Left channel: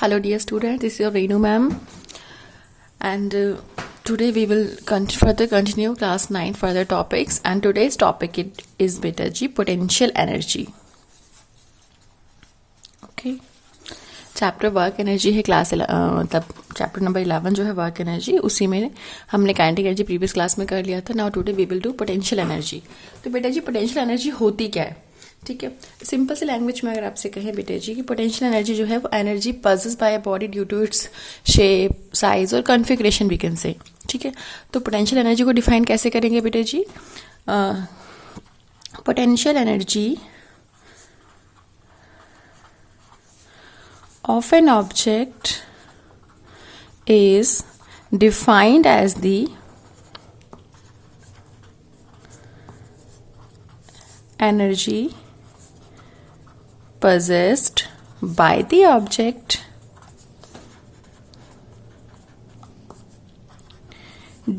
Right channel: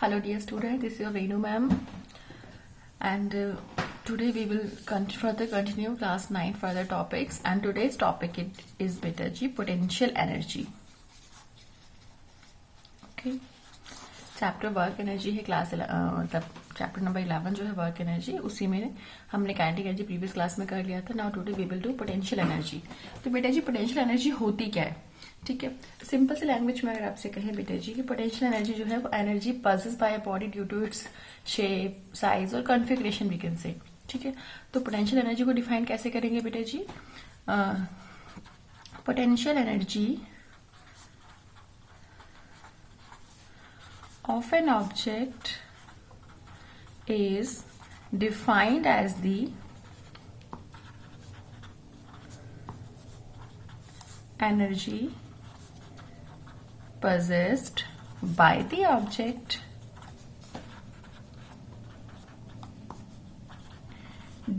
Hello dear students, this is your Renu ma'am, and today we will further continue class 9 further topics, and today's topic is beta G potential energy. Okay, chapter work energy है class मतलब chapter number 11 जो है work energy, उसी में हमने kinetic energy previous class में कर लिया था. Now today we will do potential energy. तो बेटा जी पोटेंशियल एनर्जी होती क्या है? ठीक है, सिंपल से लैंग्वेज में अगर आपसे कहें बेटे जी कि पोटेंशियल एनर्जी जो है वो energy possess by a body due to its shape, size और कॉन्फ़िगरेशन वी कैन से. ठीक है, तो पोटेंशियल एनर्जी को डिफाइन कैसे करेंगे बेटे जी? Potential energy of an object is defined as the energy possessed by the object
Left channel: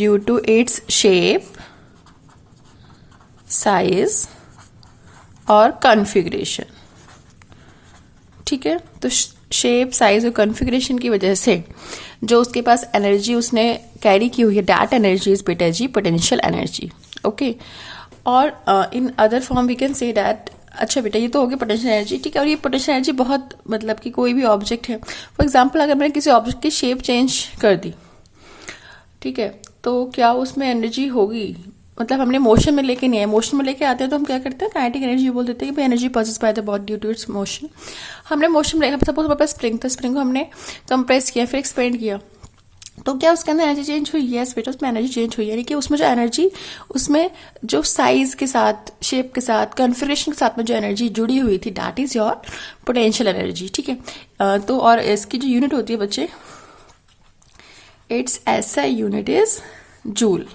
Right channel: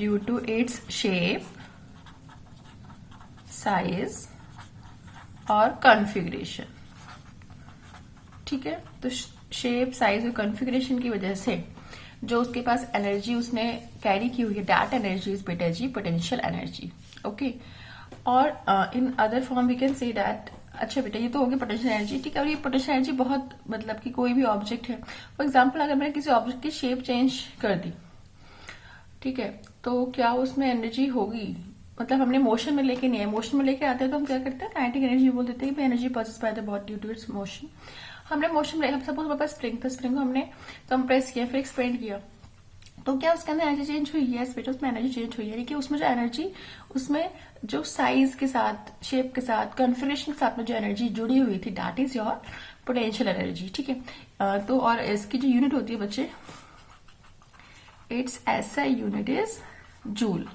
due to its shape, size और configuration. ठीक है, तो शेप, साइज और कॉन्फ़िगरेशन की वजह से जो उसके पास एनर्जी उसने कैरी की हुई है, दैट एनर्जी इज बेटा जी पोटेंशियल एनर्जी. ओके, और in other form we can say that. अच्छा बेटा, ये तो होगी पोटेंशियल एनर्जी. ठीक है, और ये पोटेंशियल एनर्जी बहुत मतलब कि कोई भी ऑब्जेक्ट है, फॉर एग्जांपल अगर मैंने किसी ऑब्जेक्ट की शेप चेंज कर दी, ठीक है, तो क्या उसमें एनर्जी होगी? मतलब हमने मोशन में लेके नहीं आए, मोशन में लेके आते हैं तो हम क्या करते हैं, काइनेटिक एनर्जी बोल देते हैं कि energy possess by the body due to its motion. हमने मोशन में सपोज हमारे पास स्प्रिंग था, स्प्रिंग को हमने कंप्रेस किया, फिर एक्सपेंड किया, तो क्या उसके अंदर एनर्जी चेंज हुई? यस बेटा, उसमें एनर्जी चेंज हुई. यानी कि उसमें जो एनर्जी, उसमें जो साइज के साथ, शेप के साथ, कॉन्फ़िगरेशन के साथ में जो एनर्जी जुड़ी हुई थी, that is your potential energy. ठीक है, तो और इसकी जो यूनिट होती है बच्चे, it's SI unit is joule.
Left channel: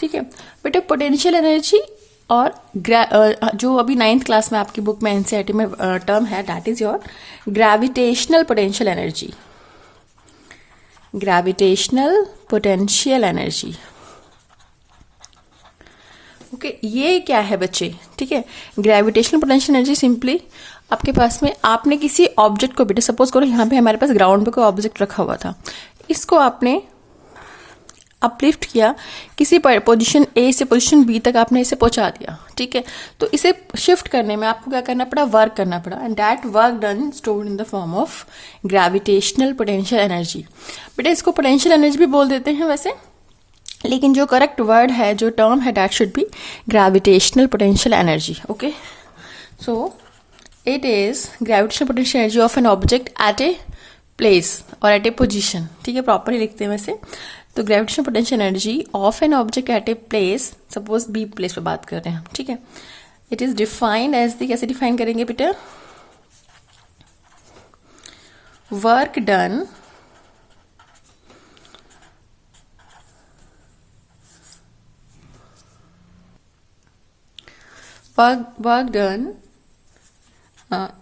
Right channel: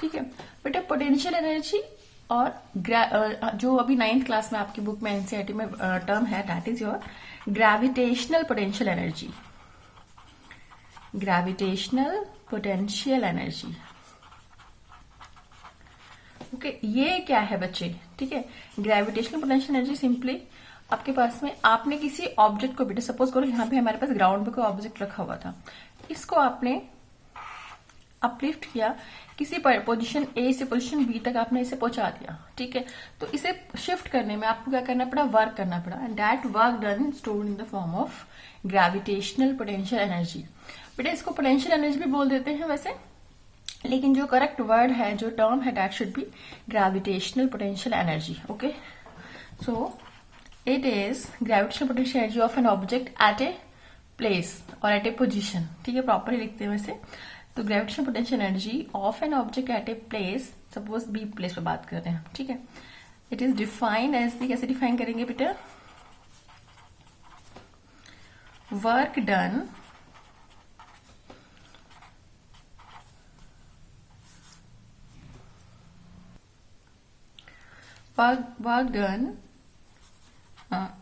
ठीक है बेटा, पोटेंशियल एनर्जी और जो अभी 9th क्लास में आपकी बुक में एनसीईआरटी में टर्म है, that is your gravitational potential energy. Gravitational potential energy. Okay, ये क्या है बच्चे? ठीक है, ग्रेविटेशनल पोटेंशियल एनर्जी सिंपली आपके पास में, आपने किसी ऑब्जेक्ट को बेटा, सपोज करो यहाँ पे हमारे पास ग्राउंड पे कोई ऑब्जेक्ट रखा हुआ था, इसको आपने अपलिफ्ट किया, किसी पोजीशन A से पोजीशन B तक आपने इसे पहुंचा दिया. ठीक है, तो इसे शिफ्ट करने में आपको क्या करना पड़ा? वर्क करना पड़ा, and that work done stored in the form of gravitational potential energy. बेटा इसको पोटेंशियल एनर्जी भी बोल देते हैं वैसे, लेकिन जो करेक्ट वर्ड है, जो टर्म है, that should be gravitational potential energy. Okay, so it is gravitational potential energy of an object at a place और एट ए पोजिशन. ठीक है, प्रॉपरली लिखते हैं वैसे. तो gravitational potential energy of an object at a place, suppose B place पे बात कर रहे हैं. ठीक है, it is defined as the, कैसे डिफाइन करेंगे बेटा? Work done work done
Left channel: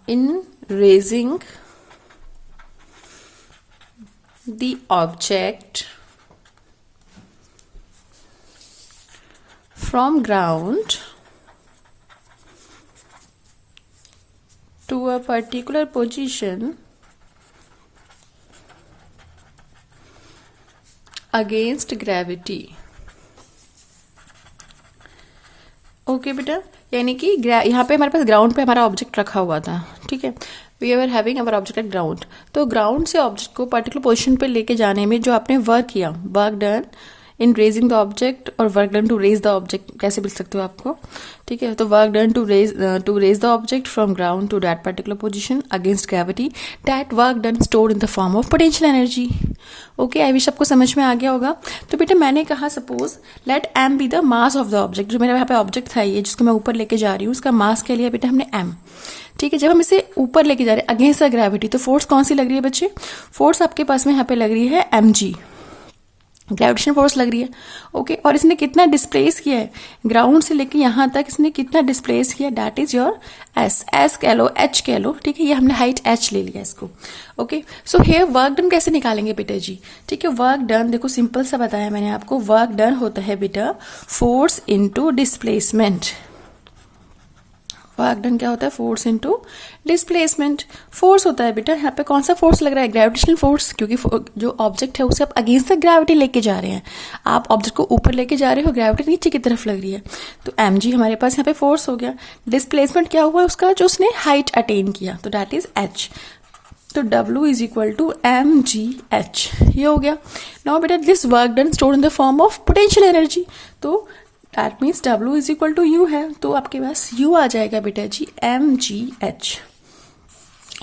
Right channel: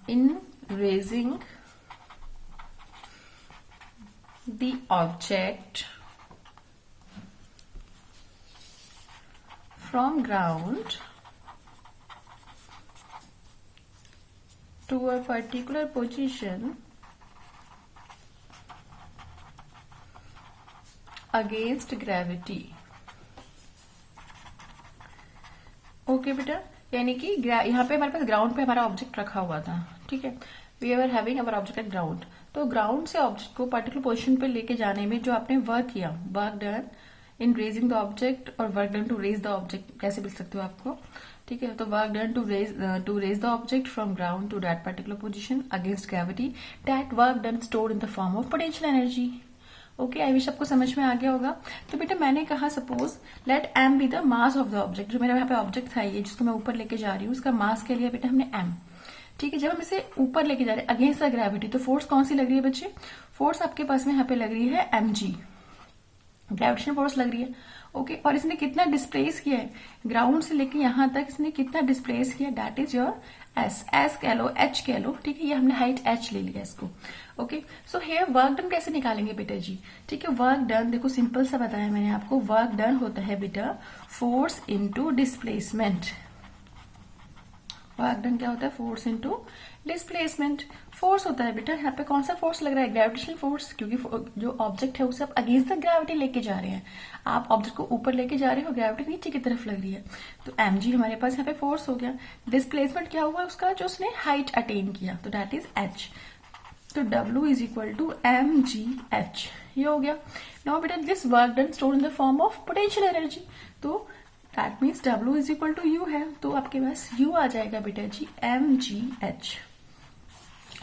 in raising the object from ground to a particular position against gravity. Okay बेटा, यानी कि यहाँ पे हमारे पास ग्राउंड पे हमारा ऑब्जेक्ट रखा हुआ था. ठीक है, we are having our object at ground. तो ग्राउंड से ऑब्जेक्ट को पर्टिकुलर पोजीशन पे लेके जाने में जो आपने वर्क किया, work done in raising the object और work done to raise the object, कैसे बोल सकते हो आपको? ठीक है, तो work done to raise the object from ground to that particular position against gravity, that work done stored in the form of potential energy. Okay, I wish आपको समझ में आ गया होगा. तो बेटा मैंने कहा suppose let m be the mass of the object. जो मेरे यहाँ पे ऑब्जेक्ट था ये, जिसको मैं ऊपर लेके जा रही हूँ, उसका मास के लिए बेटा हमने m. ठीक है, जब हम इसे ऊपर लेके जा रहे हैं अगेंस्ट द ग्रेविटी, तो फोर्स कौन सी लग रही है बच्चे? फोर्स आपके पास में यहाँ पे लग रही है mg, ग्रेविटेशनल फोर्स लग रही है. ओके, और इसने कितना डिस्प्लेस किया है? ग्राउंड से लेके यहाँ तक इसने कितना डिस्प्लेस किया? दैट इज योर s कह लो, h कह लो. ठीक है, ये हमने हाइट h ले लिया इसको. Okay, so here work done कैसे निकालेंगे बेटा जी? ठीक है, वर्क डन देखो सिंपल सा बताया मैंने आपको. वर्क डन होता है बेटा force into displacement. Work done क्या होता है, फोर्स इनटू डिस्प्लेसमेंट। फोर्स होता है बेटा यहाँ पे कौन सा फोर्स लग रहा है, ग्रेविटेशनल फोर्स, क्योंकि जो ऑब्जेक्ट है उसे आप अगेंस्ट द ग्रेविटी लेके जा रहे हैं, आप ऑब्जेक्ट को ऊपर लेके जा रहे हो, ग्रेविटी नीचे की तरफ लग रही है, तो mg हमारे पास यहाँ पे फोर्स हो गया। डिस्प्लेसमेंट क्या हुआ उसका, जो उसने हाइट अटेन किया, तो दैट इज h, तो W is equal to mgh, ये हो गया। नाउ बेटा this work done stored in the form of potential energy, तो that means W is equal to U है, तो आपके पास U आ जाएगा बेटा जी mgh।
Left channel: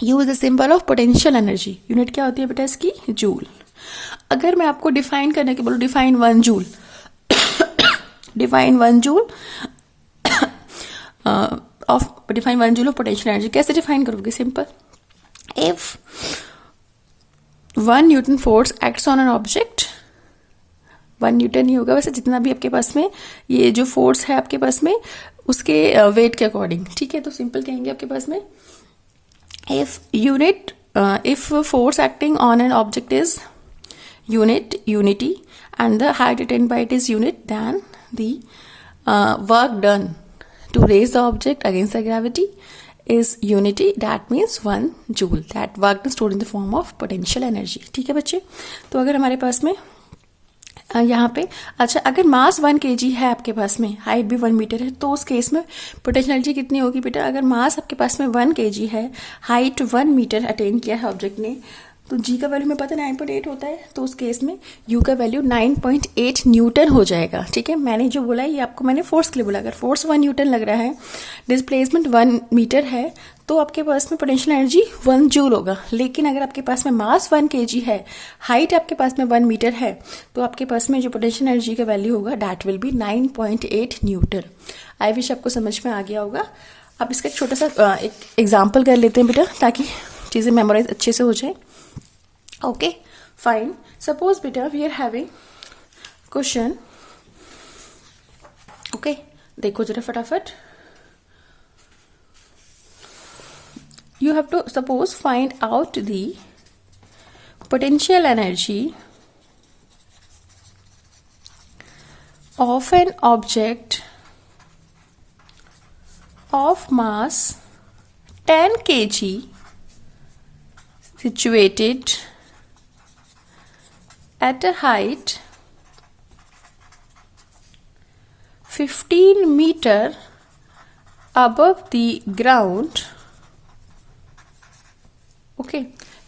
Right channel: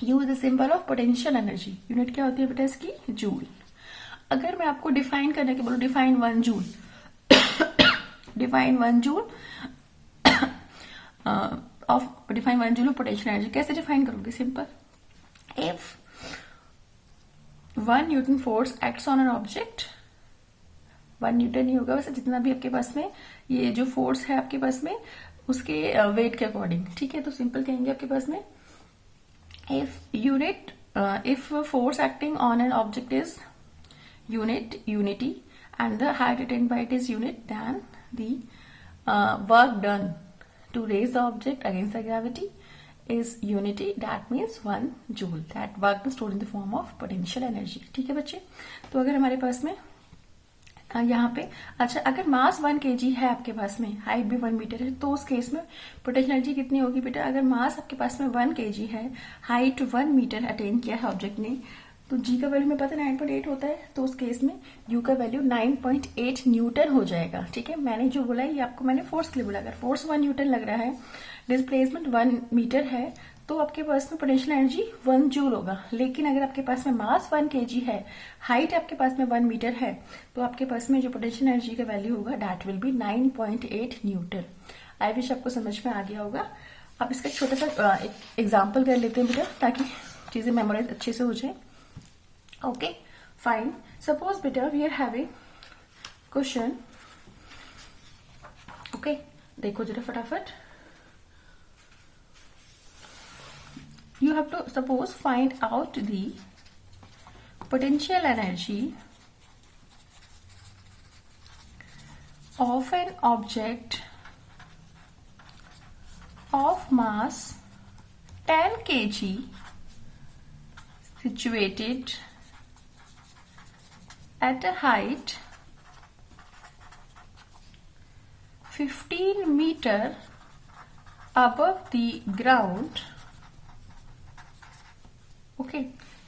U is the symbol of potential energy, unit क्या होती है बेटा इसकी, जूल। अगर मैं आपको डिफाइन करने के बोलूँ, define 1 joule, define 1 joule of potential energy, कैसे डिफाइन करोगे, simple, if 1 newton force acts on an object, 1 newton ही होगा वैसे जितना भी आपके पास में ये जो फोर्स है आपके पास में उसके वेट के अकॉर्डिंग, ठीक है, तो सिंपल कहेंगे आपके पास में if force acting on an object is unity and the height attained by it is unit, then the work done to raise the object against the gravity is unity, that means 1 joule, that work is stored in the form of potential energy। ठीक है बच्चे, तो अगर हमारे पास में यहाँ पे अच्छा अगर मास 1 kg है आपके पास में, हाइट भी 1 मीटर है, तो उस केस में पोटेंशियल एनर्जी कितनी होगी बेटा, अगर मास आपके पास में 1 kg है, हाइट 1 मीटर अटेन किया है ऑब्जेक्ट ने, तो जी का वैल्यू में पता है 9.8 होता है, तो उस केस में यू का वैल्यू 9.8 न्यूटन हो जाएगा। ठीक है, मैंने जो बोला ये आपको मैंने फोर्स के लिए बोला, अगर फोर्स 1 न्यूटन लग रहा है, डिस्प्लेसमेंट 1 मीटर है, तो आपके पास में पोटेंशियल एनर्जी 1 जूल होगा। लेकिन अगर आपके पास में मास 1 kg है, हाइट आपके पास में 1 मीटर है, तो आपके पास में जो पोटेंशियल एनर्जी का वैल्यू होगा that will be 9.8 Newton. I wish आपको समझ में आ गया होगा। अब इसका एक छोटा सा एक एग्जाम्पल कर लेते हैं बेटा, ताकि चीज़ें मेमोराइज अच्छे से हो जाए। ओके फाइन, सपोज बेटा we are having question, okay देखो जरा फटाफट, you have to suppose find out the potential energy of an object of mass 10 kg situated at a height 15 meter above the ground। Okay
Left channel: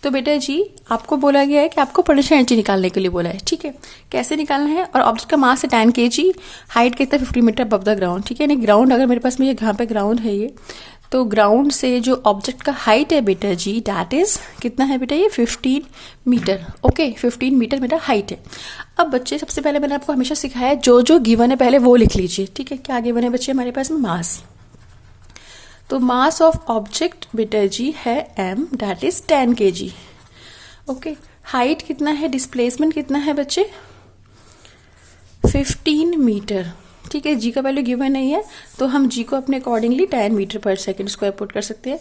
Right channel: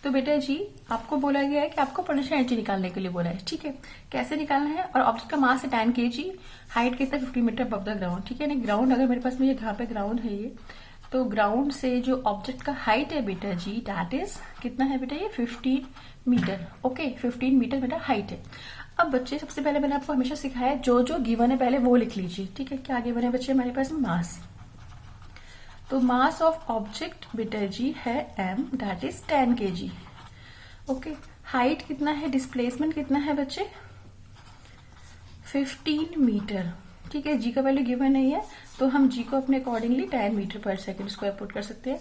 तो बेटा जी आपको बोला गया है कि आपको पोटेंशियल एनर्जी निकालने के लिए बोला है। ठीक है, कैसे निकालना है, और ऑब्जेक्ट का मास है 10 kg, हाइट कितना 50 मीटर अबव द ग्राउंड। ठीक है, यानी ग्राउंड अगर मेरे पास में ये यहाँ पे ग्राउंड है ये, तो ग्राउंड से जो ऑब्जेक्ट का हाइट है बेटा जी दैट इज कितना है बेटा, ये 15 मीटर। ओके 15 मीटर मेरा हाइट है। अब बच्चे सबसे पहले मैंने आपको हमेशा सिखाया जो जो गिवन है पहले वो लिख लीजिए। ठीक है, क्या गिवन है बच्चे हमारे पास में, मास, तो मास ऑफ ऑब्जेक्ट बेटा जी है m, that is 10 kg। Okay, height कितना है, डिस्प्लेसमेंट कितना है बच्चे, 15 मीटर। ठीक है, जी का वैल्यू गिवन नहीं है, तो हम जी को अपने accordingly 10 metre per second square put कर सकते हैं।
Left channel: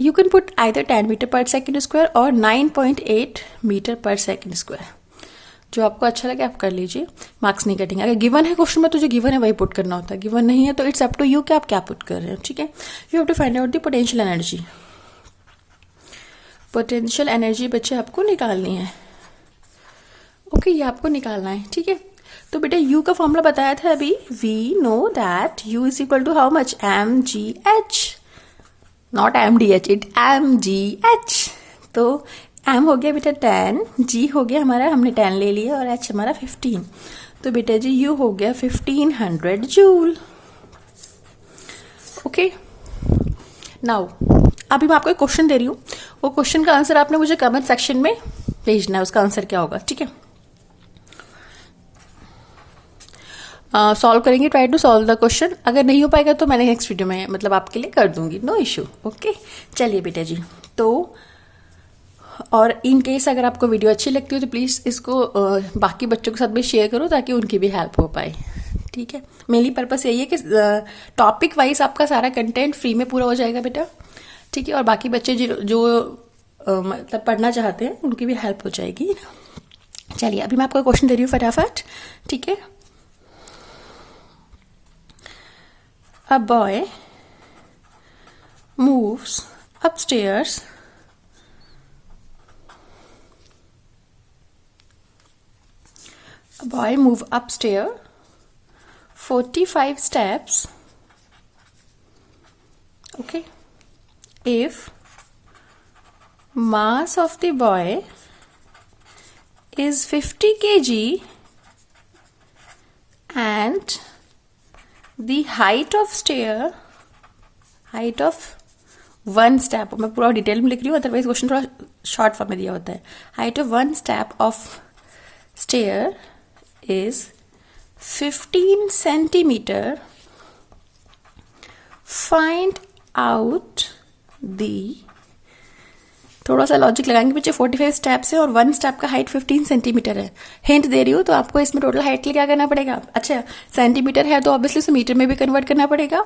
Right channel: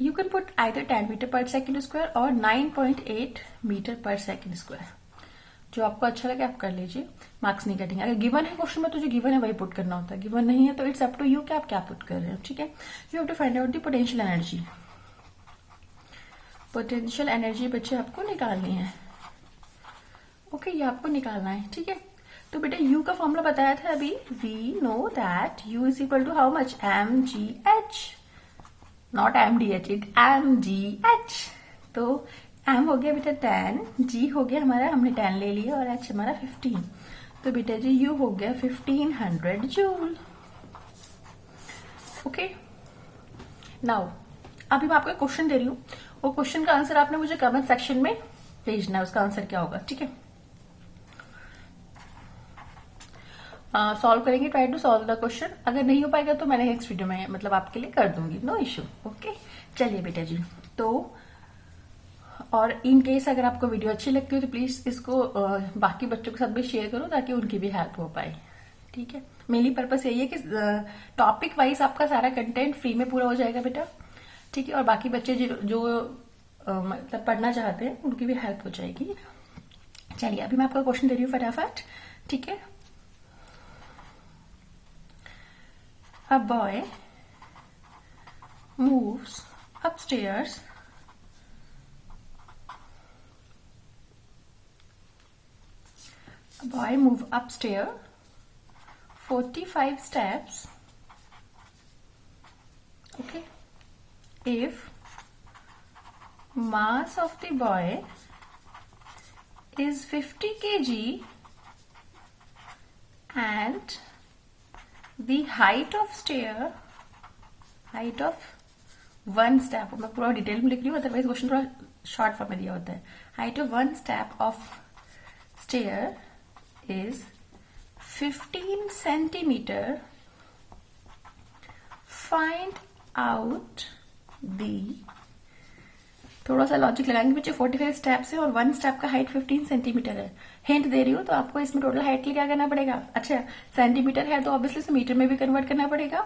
You can put either 10 metre per second square और 9.8 मीटर पर सेकेंड स्क्वायर, जो आपको अच्छा लगे आप कर लीजिए, मार्क्स नहीं कटेंगे। अगर गिवन है क्वेश्चन में तो जो गिवन है वही पुट करना होता है, गिवन नहीं है तो इट्स अप टू यू कि आप क्या पुट कर रहे हो। ठीक है, you have to find out the potential energy. Potential energy बच्चे आपको निकालनी है। ओके, ये आपको निकालना है। ठीक है, तो बेटा यू का फॉर्मूला बताया था अभी, we know that U is equal to how much, M G H, not M D H, it M G H. तो एम हो गया बेटा 10, जी हो गया हमारा, हमने 10 ले लिया, और एच हमारा 15, तो बेटा जी यू हो गया 1500 जूल। ओके, नाउ अभी मैं आपको एक क्वेश्चन दे रही हूँ, वो क्वेश्चन का आंसर आपने मुझे कमेंट सेक्शन में भेजना है, उसका आंसर क्या होगा। ठीक है, सॉल्व करेंगे, try to solve the question. अगर नहीं हो पाएगा तो मैंने नेक्स्ट वीडियो में मतलब आपके लिए कर दूंगी, नो इश्यू। ओके चलिए बेटा जी, तो और इन केस अगर आपको वीडियो अच्छी लगती हो तो प्लीज़ इसको बाकी बच्चों के साथ भी शेयर करो, ताकि उनकी भी हेल्प हो पाए। ठीक है, मेनली पर्पस यही है कि टॉपिक वाइज आपका सारा कंटेंट फ्री में पूरा हो जाएगा बेटा। ठीक है, और बाकी बच्चे जो मतलब पढ़ना चाहते हैं उनकी भी हेल्प हो जाएगी। चलिए अभी मैं आपको क्वेश्चन दे रही हूँ फटाफट। ठीक है, a boy moves upstairs a boy move upstairs 45 steps, okay, if mass of the boy is 50 kg and the height of one step, मैं पूरा डिटेल में लिख रही हूँ, अदरवाइज क्वेश्चन थोड़ा शॉर्ट फॉर्म में दिया होता है. Height of one step of stair is 15 centimetre. Find out the, थोड़ा सा लॉजिक लगाएंगे बच्चे. 45 स्टेप्स है और वन स्टेप का हाइट 15 सेंटीमीटर है. हिंट दे रही हूँ तो आपको इसमें टोटल हाइट के लिए क्या करना पड़ेगा. अच्छा, सेंटीमीटर है तो ऑब्वियसली उसे मीटर में भी कन्वर्ट करना पड़ेगा,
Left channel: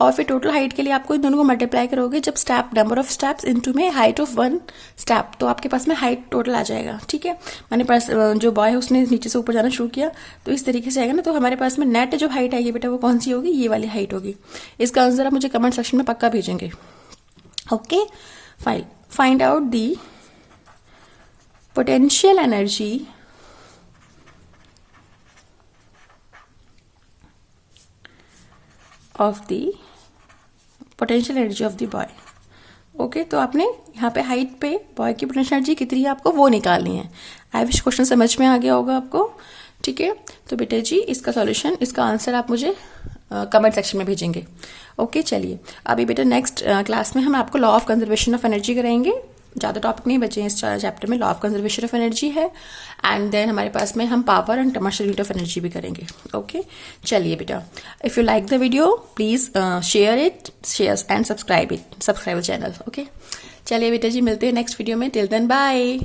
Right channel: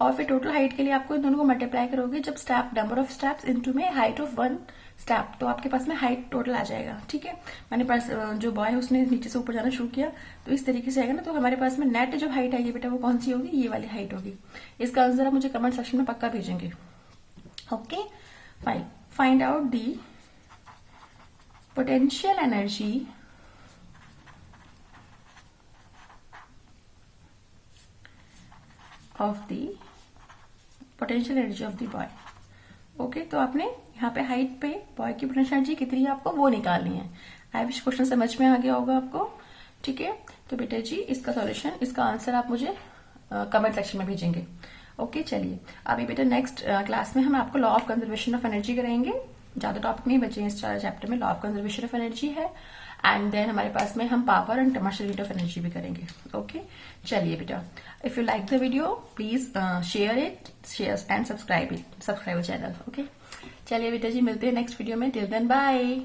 और फिर टोटल हाइट के लिए आपको इन दोनों को मल्टीप्लाई करोगे जब step number of steps into में हाइट ऑफ वन स्टेप, तो आपके पास में हाइट टोटल आ जाएगा. ठीक है, मैंने पास जो बॉय है उसने नीचे से ऊपर जाना शुरू किया तो इस तरीके से आएगा ना. तो हमारे पास में नेट जो हाइट आएगी बेटा वो कौन सी होगी, ये वाली हाइट होगी. इसका आंसर आप मुझे कमेंट सेक्शन में पक्का भेजेंगे. Okay, find out the potential energy of the boy. Okay, तो आपने यहाँ पे हाइट पे बॉय की पोटेंशियल एनर्जी कितनी है आपको वो निकालनी है. आई विश क्वेश्चन समझ में आ गया होगा आपको. ठीक है, तो बेटे जी इसका सॉल्यूशन, इसका आंसर आप मुझे कमेंट सेक्शन में भेजेंगे. ओके, चलिए अभी बेटा नेक्स्ट क्लास में हम आपको law of conservation of energy कराएंगे. ज़्यादा टॉपिक नहीं बचे इस चैप्टर में. Law of conservation of energy है, एंड देन हमारे पास में हम power and commercial unit of energy भी करेंगे. ओके, चलिए बेटा, if you like the video please share and subscribe channel. Okay, चलिए बेटा जी मिलते हैं नेक्स्ट वीडियो में. Till then bye.